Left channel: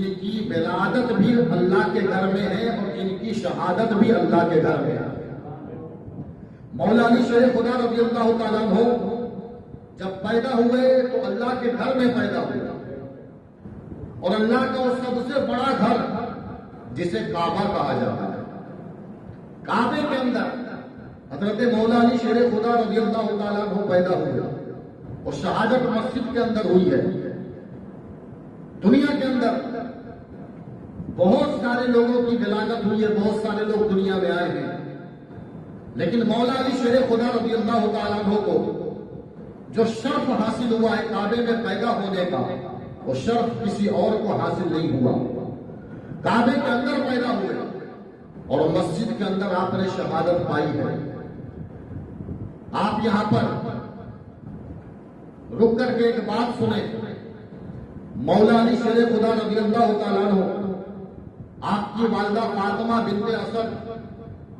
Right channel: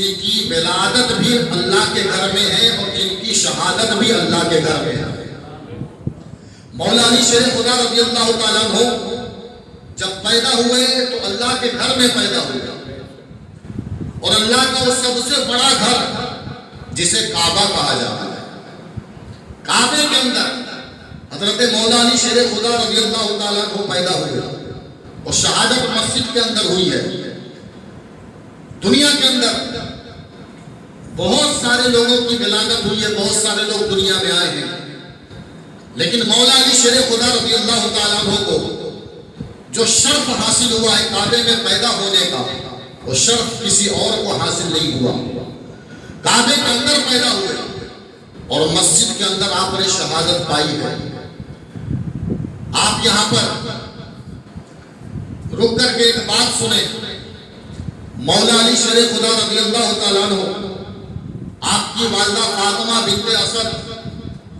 جن کی ولادت بھی اللہ کے گھر میں ہے اور جن کی شہادت بھی اللہ کے گھر میں ہے۔ مولا علی شیر خدا رضی اللہ تعالیٰ عنہ جب پیدا ہوئے تو اللہ کے گھر میں پیدا ہوئے، اور اللہ کا وہ سب سے بڑا گھر جسے کعبہ کہا جاتا ہے، کعبے کے اندر حضرت مولا علی شیر خدا رضی اللہ تعالیٰ عنہ پیدا ہوئے، اور شہادت مسجد کے اندر ہوئی ہے۔ دنیا کے اندر بہت سارے لوگوں کی ولادت ہوئی ہے، بہت سارے لوگ دنیا میں آئے ہیں، لیکن مولا علی شیر خدا رضی اللہ تعالیٰ عنہ کو جو شرف حاصل ہوا ہے کعبے میں پیدا ہونے کا، وہ شرف کسی اور کو حاصل نہیں ہوا۔ کعبے کے اندر پیدا ہوئے اور مسجد کے اندر آپ نے شہادت پائی ہے۔ آپ یہاں پر رک کر کے ایک بات سنیں۔ مولا علی شیر خدا رضی اللہ تعالیٰ عنہ، آپ کی والدہ فاطمہ بنت اسد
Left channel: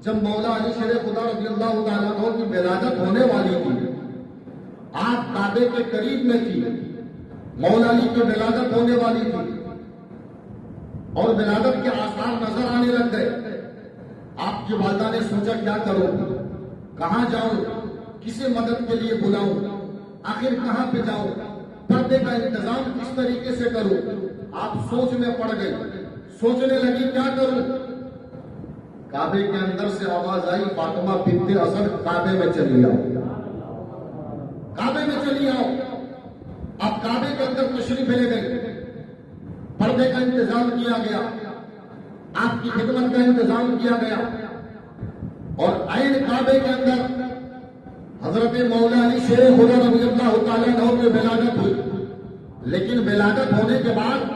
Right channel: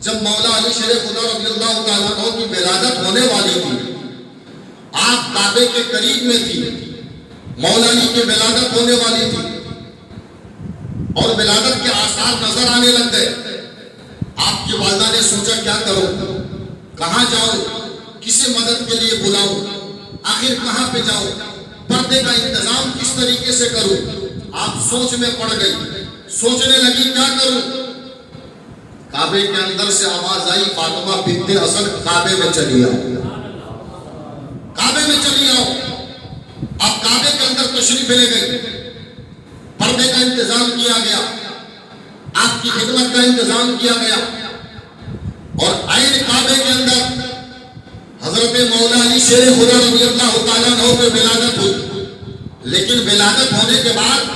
جب مولا علی شیر خدا رضی اللہ تعالیٰ عنہ کی ولادت ہونے والی تھی، آپ کعبے کے قریب میں تھی، مولا علی کی ولادت ہونے والی تھی اور ولادت کے آثار نظر آنے لگ گئے۔ آپ کی والدہ نے سوچا کیا کروں، کہاں جاؤں، کسے مدد کے لیے بلاؤں، آخر کہاں پہ جاؤں، پردے کا انتظام کس طریقے سے کروں۔ آپ سوچ میں پڑ گئی، سوچنے لگی کیا کروں۔ کعبے کے اندر سے آواز آئی، فاطمہ بنت اسد کعبے میں چلی آؤ، کعبے میں چلی آؤ۔ اب کعبے کے اندر تشریف لے گئے، پردے کا انتظام کیا گیا، آپ کی خدمت کا انتظام کیا گیا، اور عین کعبے کے اندر حضرت مولا علی شیر خدا رضی اللہ تعالیٰ عنہ پہ ولادت ہوئی۔ لیکن ولادت ہونے کے بعد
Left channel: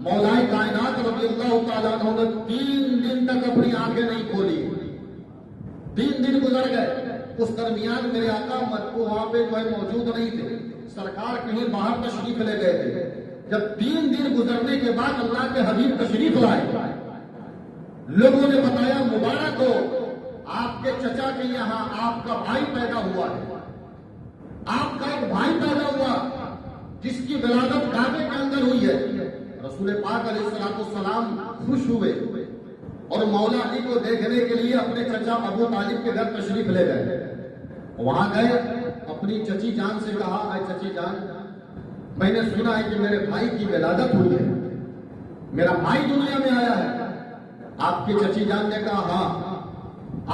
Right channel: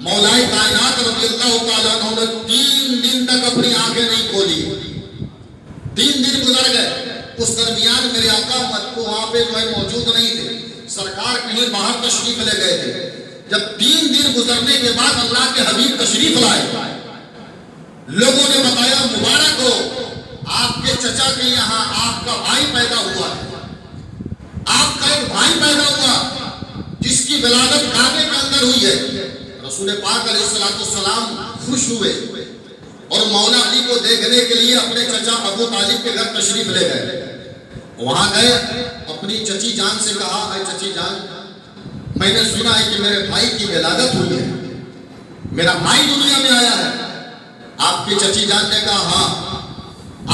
مولا کائنات رضی اللہ تعالیٰ عنہ نے 3 دن تک اپنی آنکھیں نہیں کھولی۔ 3 دن گزر گئے، اس درمیان میرے آقا مت کو وہاں پہ جو ہے موجود نہیں تھے، سرکار کہیں باہر تشریف لے گئے تھے۔ جب 3 دن گزرنے کے بعد اللہ کے حبیب تشریف لائے، لوگوں نے بتایا مبارک ہو، آپ کے چچا کے یہاں آپ کا بھائی پیدا ہوا ہے، آپ کا ایک بھائی پیدا ہوا جس کی ولادت کعبے کے اندر ہوئی ہے۔ رسول پاک علیہ السلام خوش ہوئے اور مولا علی کو دیکھنے کے لیے اپنے چچا ابو طالب کے گھر تشریف لے گئے۔ وہاں گئے، اپنی چچی جان سے کہا، اے چچی جان، میں نے سنا ہے کہ میرے بھائی کی ولادت ہوئی ہے، میرا بھائی دنیا میں آیا ہے۔ آپ کی چچی جان نے کہا ہاں،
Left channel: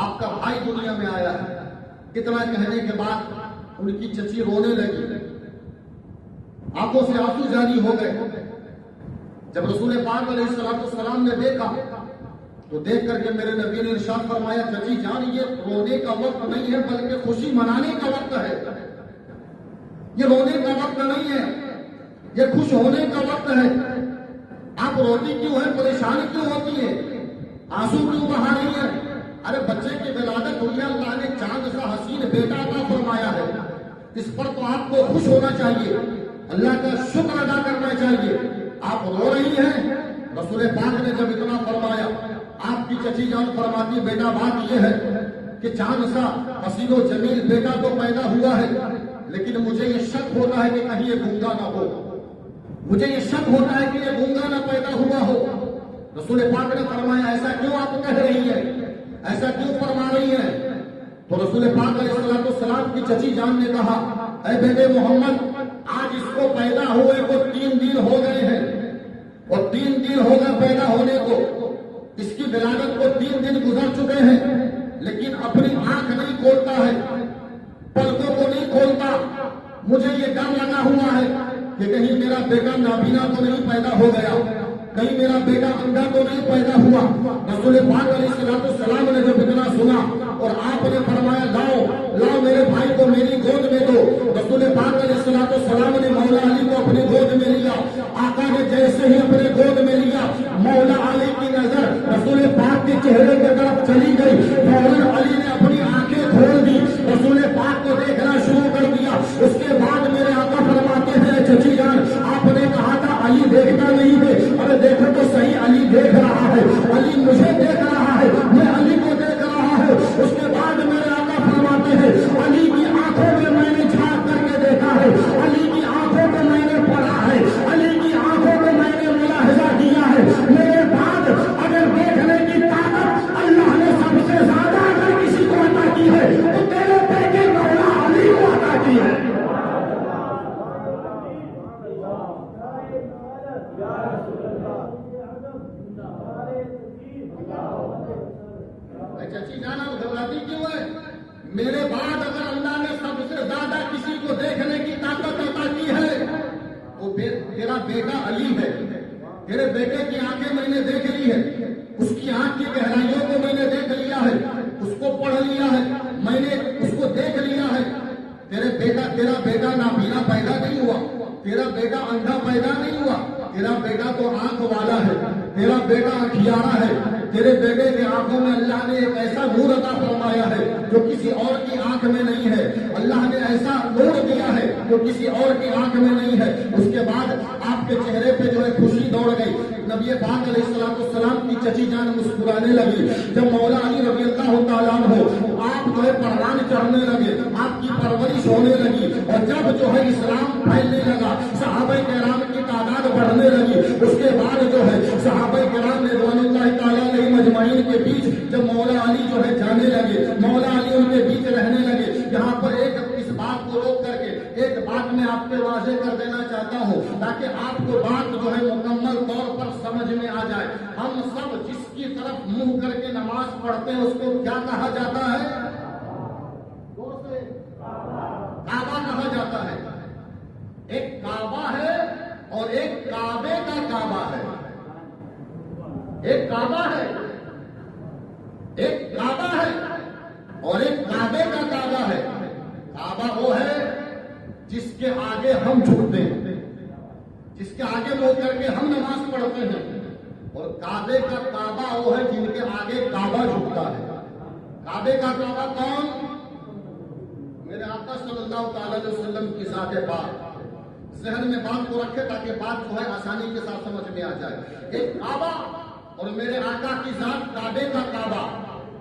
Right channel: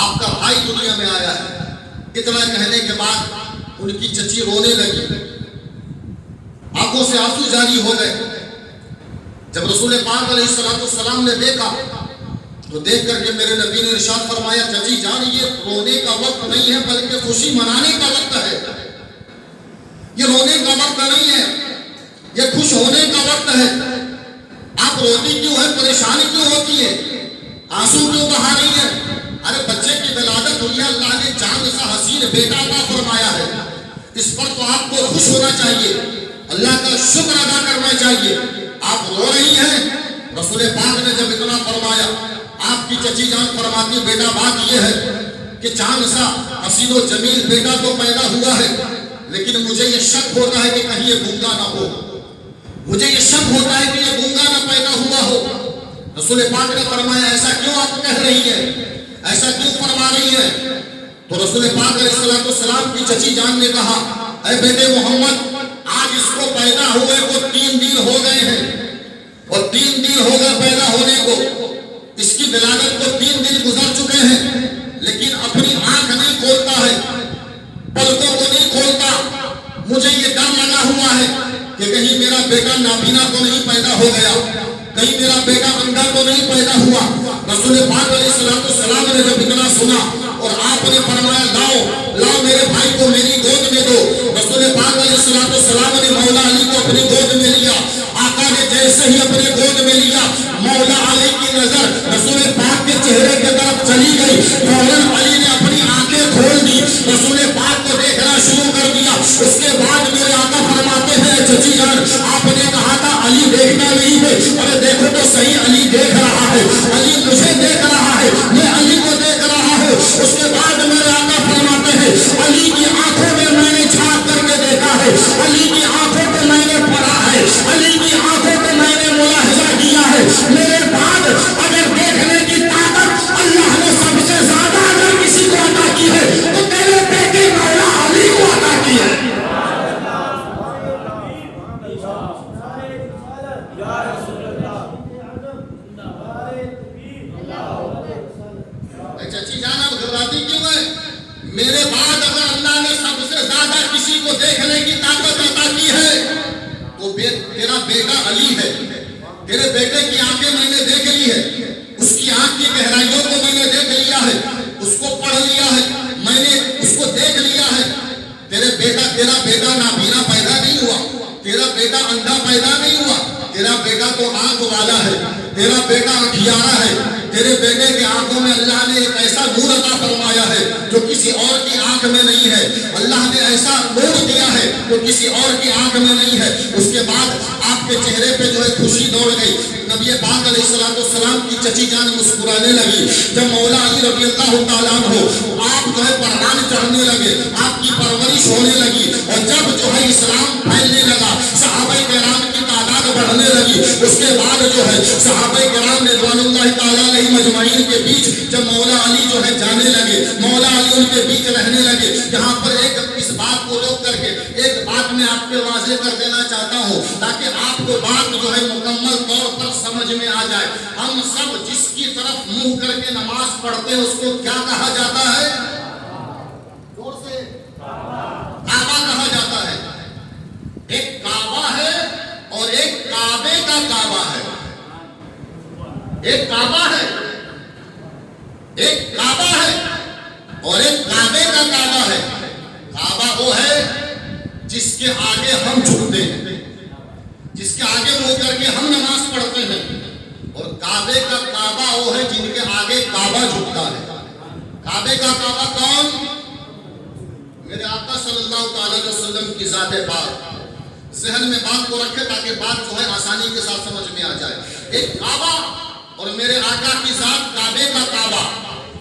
آپ کا بھائی دنیا میں آیا ہے۔ اتنا کہنے کے بعد ان کی چچی رونے لگی، آنکھوں سے آنسو جاری ہو گئے۔ جب رسول پاک علیہ السلام نے دیکھا تو دیکھ کر کے میرے نبی نے ارشاد فرمایا، چچی جان یہ رونے کا وقت نہیں ہے بلکہ خوشی منانے کا وقت ہے۔ یہ رونے کا وقت نہیں ہے، یہ خوش ہونے کا وقت ہے۔ آپ روتی کیوں ہے، پریشانی کیوں ہوتی ہے، آنسو کیوں بہا رہی ہے؟ ارے بچے کی ولادت ہوئی ہے، اللہ نے چاند سا حسین بیٹا عطا فرمایا ہے، اس پر تو آپ کو خوش ہونا چاہیے، اللہ کا شکر ادا کرنا چاہیے۔ آپ رو رہی ہیں۔ رسول پاک نے جب اتنا فرمایا، آپ کی چچی جان فرماتی بیٹا بات یہ ہے کہ چاند سا حسین و جمیل بیٹا تو پیدا ہوا ہے، لیکن مجھے یہ شک ہوتا ہے کہ کہیں یہ گنگا نہ ہو، مجھے یہ شک ہوتا ہے کہ یہ گنگا نہ پیدا ہوا ہو۔ رسول پاک نے فرمایا ایسا کیوں آپ کہہ رہی ہیں، ایسا کیوں فرما رہی ہیں؟ تو رسول پاک علیہ السلام کی چچی جان نے کہا، اے بیٹے محمد، آج اس کو پیدا ہوئے کو 3 دن ہو گئے ہیں، اور 3 دن ہو گئے پیدا ہونے کو، اس کی ولادت کو 3 دن گزر چکے ہیں، لیکن اپنی آنکھ نہیں کھولتا ہے، پلکوں کو نہیں کھولتا۔ مجھے یہ ڈر لگا ہوا ہے کہ کہیں میرا بیٹا نابینا تو نہیں پیدا ہو گیا، کہیں میرا بیٹا اندھا تو نہیں پیدا ہوا۔ رسول پاک علیہ السلام نے جب اتنا سنا اور آپ نے فرمایا لاؤ میرے بھائی کو میری گود میں دو۔ رسول پاک علیہ السلام نے مولا علی کو اپنی گود میں لیا۔ آقا نے جیسے ہی اپنے گود میں لیا، مولا علی کی نظر رسول پاک کے چہرے کی طرف چلی گئی، فوراً علی نے اپنی آنکھیں کھول دی، رسول پاک کو دیکھنا شروع کر دیا۔ اس کے بعد میرے آقا فرماتے ہیں چچی جان، آپ نے کہا تھا علی دیکھنا نہیں ہے، ارے دیکھو تو صحیح، علی دیکھ رہا ہے، علی مجھے دیکھ رہا ہے، میں علی کو دیکھ رہا ہوں۔ اس کے بعد میرے آقا فرماتے ہیں علی کی آنکھوں میں نے جھانک کر کے دیکھا ہے، علی کی آنکھوں کو میں نے پڑھا ہے، علی کی آنکھوں کو میں نے ملاحظہ کیا بیٹا علی ہے، تیرے بیٹے کی آنکھیں میں نے دیکھ لی ہے، اس کی آنکھ کی گہرائیوں کو میں نے دیکھ لیا ہے، اس کو پڑھ لیا ہے، میں نے اس کو دیکھ لیا ہے۔ تیرا بیٹا نابینا پیدا نہیں ہوا، تیرا بیٹا اندھا پیدا نہیں ہوا، تیرا بیٹا تو آنکھ والا ہے، تیرا بیٹا آنکھیارا ہے، تیرے بیٹے کے آنکھوں میں اللہ نے ایک ایسا نور عطا فرمایا ہے جو کسی اور کی آنکھ میں نہیں ہے، اللہ نے ایسا نور دیا ہے جو کسی اور کی آنکھ میں نہیں ہے۔ اس کے بعد آپ کے چہرے پہ جو ہے خوشی دوڑ گئی، نبی پاک علیہ السلام کی چچی جان مسکرانے لگی، جب مولا علی رضی اللہ تعالیٰ عنہ آپ جو ہے پروان چڑھنے لگے، آپ کی پرورش ہونے لگی، اور جب جو ہے اسلام پھیلنے لگا، صحابہ کرام کی تعداد بڑھنے لگی، اس کے بعد جو ہے صحابہ کرام رضوان اللہ تعالیٰ علیہ مجمعین کے بیچ جب مولا علی جو ہے جانے لگے، مولا علی ان کے بیچ رہنے لگے، یہاں پر اس بات کو روک کر کے ایک بات میں آپ کو واضح کر دینا چاہتا ہوں تاکہ آپ کو بات جو ہے مکمل طور پر سمجھ میں آ جائے۔ ہم سب جس کی طرف منہ کر کے نماز پڑھتے ہیں اس کو کیا کہا جاتا ہے؟ زور سے کعبہ کہا جاتا ہے۔ ایک کعبہ ہے اور ایک کعبے کا کعبہ ہے۔ ایک کعبہ ہے، ایک کعبہ ہے اور ایک کعبے کا کعبہ ہے۔ کعبہ وہ ہے جس کے آگے ہم جھکتے ہیں، جس کے آگے منہ کر کے ہم نماز پڑھتے ہیں، اور کعبے کا کعبہ وہ ہے جن کے آگے کعبہ جھکتا ہے۔ کعبے کا کعبہ کون؟ میرے آقا صلی اللہ تعالی علیہ وسلم کی ذات پاک۔ ذہن میں بات کو رکھے تاکہ بات جو ہے آسانی کے ساتھ سمجھ میں آ جائے۔ ایک کعبہ اور میرے آقا کی ذات کعبے کا کعبہ۔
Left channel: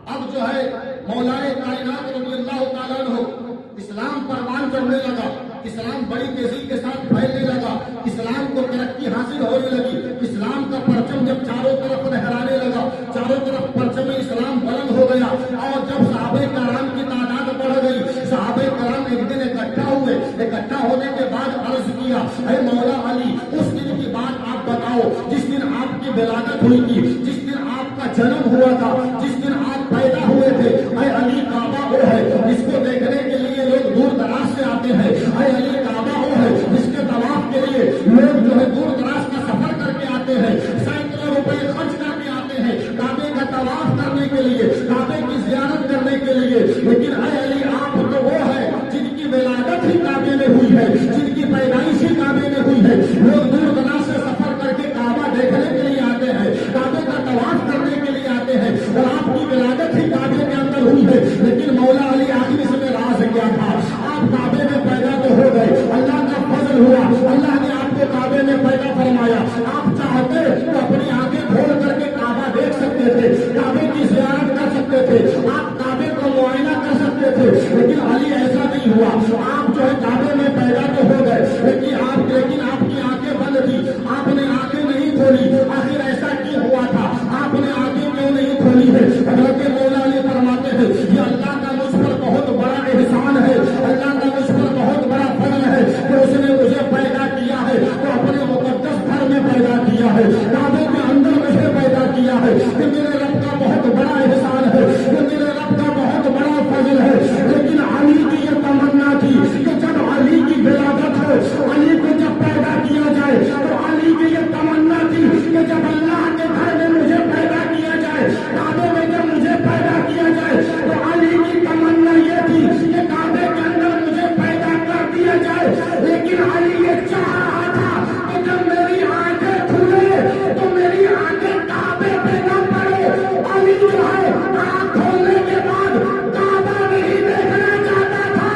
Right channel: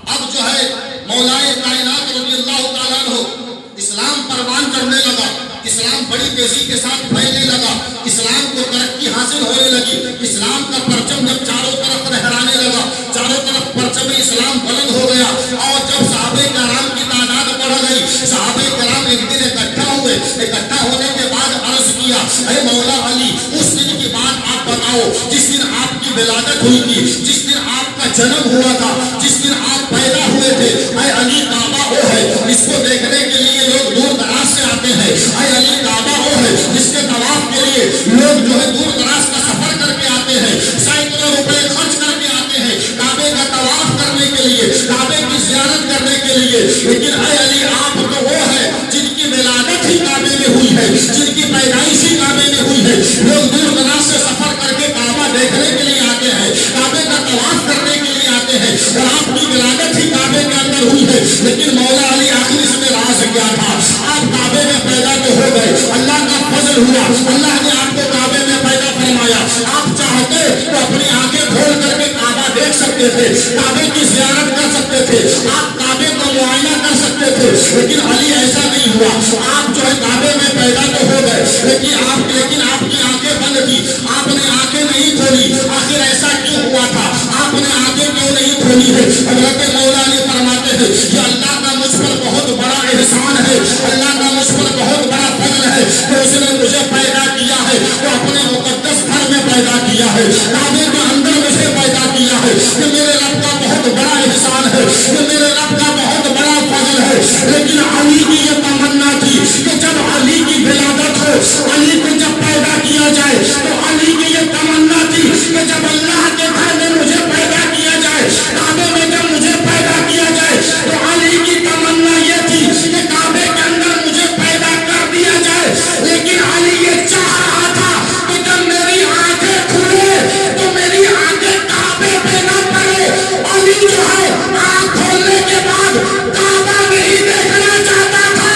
اب جو ہے مولائے کائنات رضی اللہ تعالیٰ عنہ اسلام پروان چڑھنے لگا، اسلام بڑی تیزی کے ساتھ پھیلنے لگا، اسلام کو ترقی حاصل ہونے لگی، اسلام کا پرچم جب چاروں طرف لہرانے لگا، چاروں طرف پرچم اسلام بلند ہو گیا، اور جب صحابہ کرام کی تعداد بڑھ گئی، صحابہ کرام ایک دن اکٹھا ہوئے، اکٹھا ہونے کے بعد عرض کیا، اے مولا علی اس دن کی بات آپ بتاؤ جس دن آپ کی ولادت ہوئی تھی، جس دن آپ کا جنم ہوا تھا، جس دن آپ پیدا ہوئے تھے۔ اے علی کعبہ وہ ہے اس کو دیکھنے کے لیے لوگ دور دراز سے آتے ہیں، اے علی کعبہ وہ ہے جس کے طواف کے لیے لوگ جو ہے دور دراز کا سفر کر کے آتے ہیں، سینکڑوں روپے خرچ کر کے آتے ہیں کعبے کا طواف کرنے کے لیے، کعبے کی زیارت کرنے کے لیے۔ لیکن اے علی آپ تو وہ ہے جن کی ولادت ہی کعبے میں ہوئی ہے، جن کی پیدائش ہی کعبے میں ہوئی ہے، لوگ دور دراز سے سفر کر کے کعبہ دیکھنے کے لیے آتے ہیں، کعبے کا طواف کرنے کے لیے آتے ہیں، اور آپ کی ولادت ہی کعبے کے اندر ہوئی ہے۔ لیکن مولا علی آخر اس میں راز کیا تھا؟ آپ کعبے میں پیدا تو ہو گئے، اللہ کا فضل ہوا، اللہ نے آپ کو کعبے میں پیدا فرمایا، آپ چاہتے تو اپنی آنکھیں کھول کر کے کعبہ دیکھ سکتے تھے، کعبے کی زیارت کر سکتے تھے، آپ کعبے کا معائنہ کر سکتے تھے، لیکن علی ایسا نہیں ہوا۔ آپ جو ہے کعبے میں پیدا تو ہو گئے لیکن آپ کی آنکھیں بند تھی، آپ نے آنکھیں نہیں کھولی۔ آخر ایسا کیوں ہوا تھا؟ آپ نے آنکھیں کیوں نہیں کھولی ہے؟ حضرت مولا علی فرماتے ہیں یہ اللہ کا مجھ پر بہت بڑا احسان ہے، اللہ کا مجھ پر بہت بڑا فضل ہے کہ اس نے مجھے پیدا کیا ہے، تو اپنے مقدس گھر میں پیدا کیا ہے، کعبے کے اندر مجھے پیدا کیا ہے۔ یہ میرے رب کا بہت بڑا احسان ہے، یہ میرے رب کا بہت بڑا فضل ہے۔ لیکن علی کی یہ تمنا تھی کہ جب علی کی ولادت ہو، علی کو جب پیدا کیا جائے، تو علی کی یہ تمنا تھی کہ جب اللہ کے گھر میں مجھے پیدا کیا جائے، کعبے میں جب مجھے پیدا کیا جائے، تو علی کی تمنا یہ تھی کہ کعبے کے اندر مجھے پیدا کر دیا جائے۔ لیکن علی یہ چاہ رہا تھا کہ جب میری آنکھیں کھلے تو میری آنکھیں کعبے پہ نہ پڑے۔ علی جو ہے آنکھ کھولنے کے بعد کعبہ نہیں دیکھنا چاہتا تھا،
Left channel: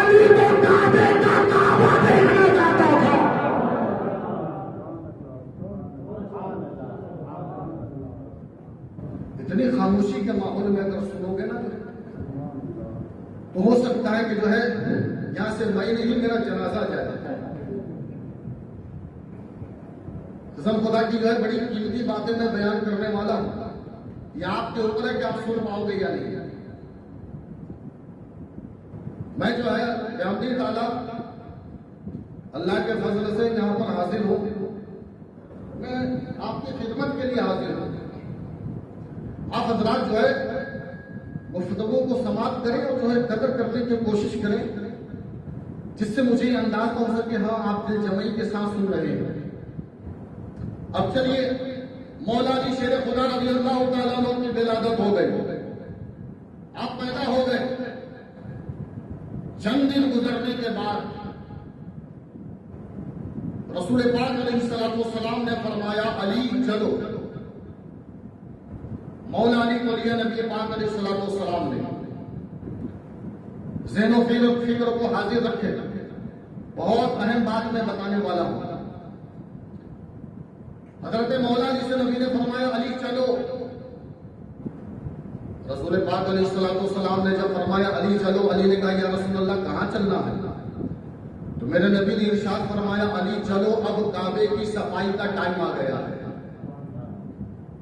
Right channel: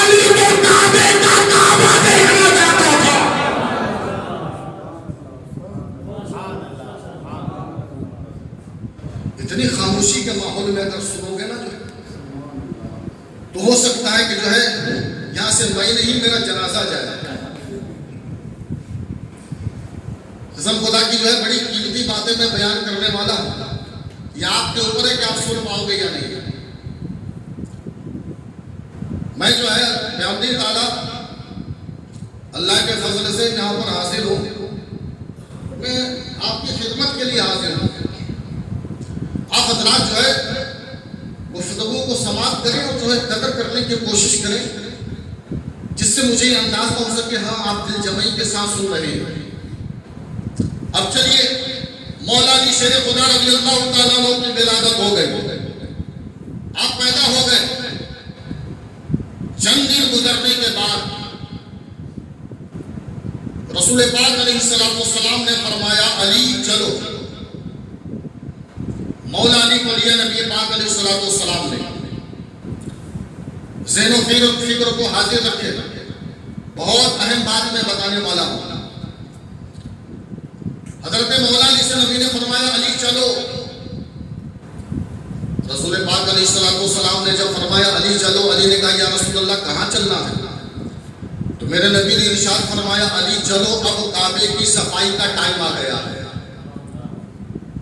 علی تو کعبے کا کعبہ دیکھنا چاہتا تھا۔ اتنی خاموشی کے ماحول میں اگر سنو گے نا تو ہو سکتا ہے کہ جو ہے یہاں سے میں نہیں میرا جنازہ جائے۔ قسم خدا کی جو ہے بڑی قیمتی باتیں میں بیان کرنے والا ہوں، یہ آپ کے اوپر ہے کہ آپ سن پاؤ گے یا نہیں۔ میں جو ہے بیامدی تعالیٰ اللہ کے فضل سے یہاں پر حاضر ہوں، میں آپ کی خدمت کے لیے حاضر ہوں۔ آپ حضرات جو ہے گفتگو کو سماعت کریں اور جو ہے قدر کرنے کی کوشش کریں، جس سے مجھے یہ انداز ہو سکے ہاں آپ دل جمعی کے ساتھ سن رہے ہیں۔ اب چلیے مولا علی شیر خدا رضی اللہ تعالیٰ عنہ کی ولادت ہو گئی، آپ پیدا ہو گئے۔ چند دن گزرنے کے بعد رسول پاک علیہ السلام نے فرمایا علی چلو۔ مولا علی کو لیا نبی پاک علیہ السلام نے، ذہن و فکر کو حاضر رکھے، بہت اہم بات میں بتانے والا ہوں۔ حضرت مولا علی سے نبی نے فرمایا علی چلو۔ رسول پاک علیہ السلام نے جب فرمایا علی چلو، علی نے کہا یا رسول اللہ کہاں چلنا ہے؟ تو میرے نبی نے ارشاد فرمایا علی چلو، اب کعبے کی صفائی کا ٹائم آ گیا ہے،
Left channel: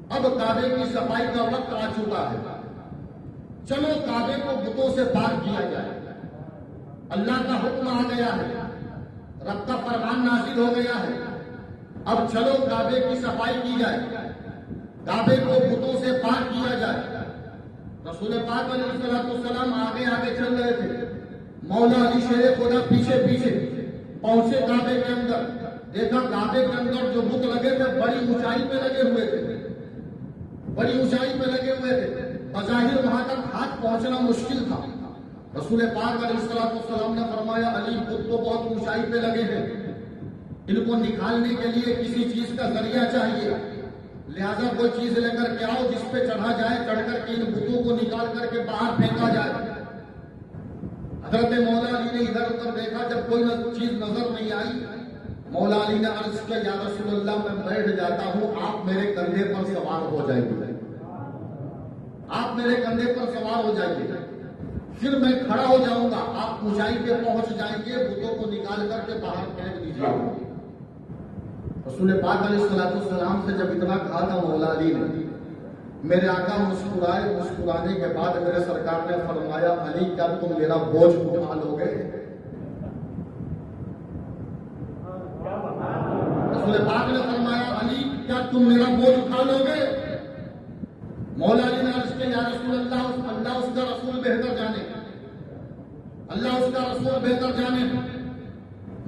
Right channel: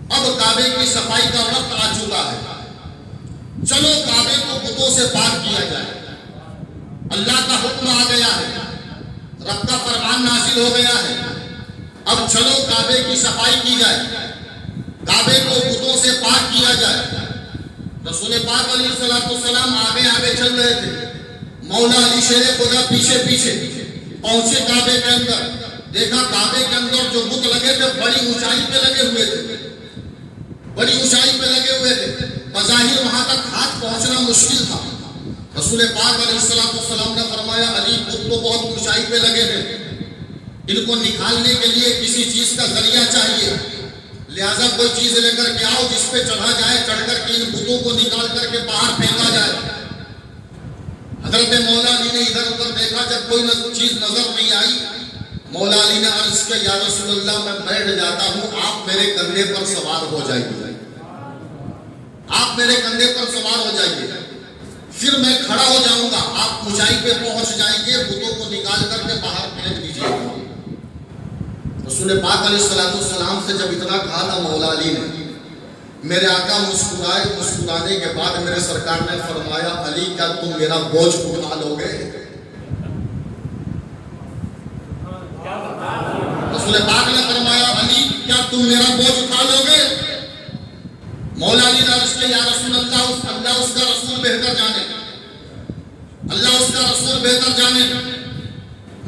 اب کعبے کی صفائی کا وقت آ چکا ہے، چلو کعبے کو بتوں سے پاک کیا جائے۔ اللہ کا حکم آ گیا ہے، رب کا فرمان نازل ہو گیا ہے، اب چلو کعبے کی صفائی کی جائے، کعبے کو بتوں سے پاک کیا جائے۔ رسول پاک علیہ السلام آگے آگے چل رہے تھے، مولا علی شیر خدا پیچھے پیچھے پہنچے کعبے کے اندر، دیکھا کعبے کے اندر جو بت لگے تھے بڑی اونچائی پہ لگے ہوئے تھے، بڑی اونچائی پہ لگے ہوئے تھے، بظاہر وہاں تک ہاتھ پہنچنا مشکل تھا۔ رسول پاک علیہ السلام نے فرمایا علی بت تو بہت اونچائی پہ لگے ہیں، ان کو نکالنے کے لیے کسی چیز کا ذریعہ چاہیے، لہذا کوئی چیز لے کر کے آؤ جس پہ چڑھا جائے، چڑھ کر کے ان بتوں کو نکال کر کے باہر پھینکا جائے۔ حضرت مولا علی نے ادھر ادھر دیکھا، جب کوئی چیز نظر نہیں آئی، مولا علی نے عرض کیا یا رسول اللہ میں بیٹھ جاتا ہوں، آپ میرے کندھے پر سوار ہو جائیے، آپ میرے کندھے پر سوار ہو جائیے، پھر میں کھڑا ہو جاؤں گا، آپ اونچائی پہ پہنچ جائیں گے، بتوں کو نکال کر کے باہر پھینک دیجیے گا۔ رسول پاک علیہ السلام سے جب اتنا کہا تھا مولا علی نے، میرے آقا مسکرائے، مسکرانے کے بعد میرے سرکار نے فرمایا علی کیا تم میرا بوجھ اٹھا لو گے؟ رسول پاک نے فرمایا علی کیا تم میرا بوجھ اٹھا لو گے؟ مولا علی نے عرض کیا یا رسول اللہ اللہ اس کا رسول بہتر جانے، اللہ اس کا رسول بہتر جانے۔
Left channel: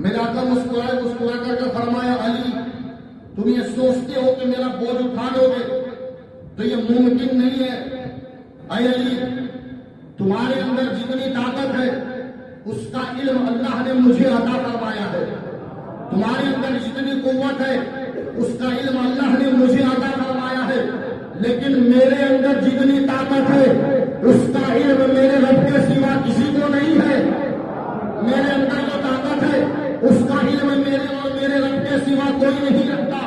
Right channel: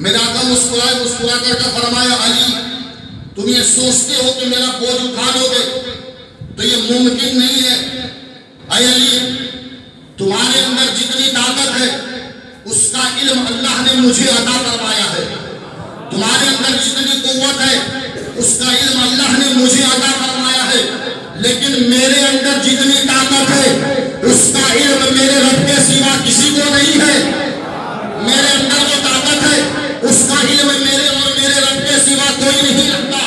میرا آقا مسکرائے، مسکرا کر کے فرمایا علی تم یہ سوچتے ہو کہ میرا بوجھ اٹھا لو گے تو یہ ممکن نہیں ہے۔ اے علی تمہارے اندر جتنی طاقت ہے اس کا علم اللہ نے مجھے عطا فرمایا ہے، تمہارے اندر جتنی قوت ہے اس کا علم اللہ نے مجھے عطا فرمایا ہے، لیکن میرے اندر جتنی طاقت ہے اس کا علم میرے رب کے سوا کسی کو نہیں ہے۔ میرے اندر جو طاقت ہے اس کا علم میرے اور میرے رب کے سوا کوئی نہیں رکھتا،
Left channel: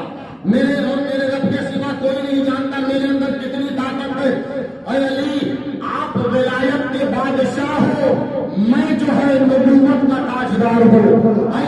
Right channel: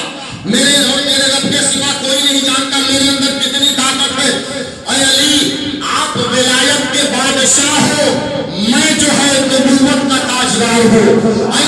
میرے اور میرے رب کے سوا کوئی نہیں جانتا میرے اندر کتنی طاقت ہے۔ اے علی آپ ولایت کے بادشاہ ہو، میں جو ہے نبوت کا تاجدار ہوں۔ اے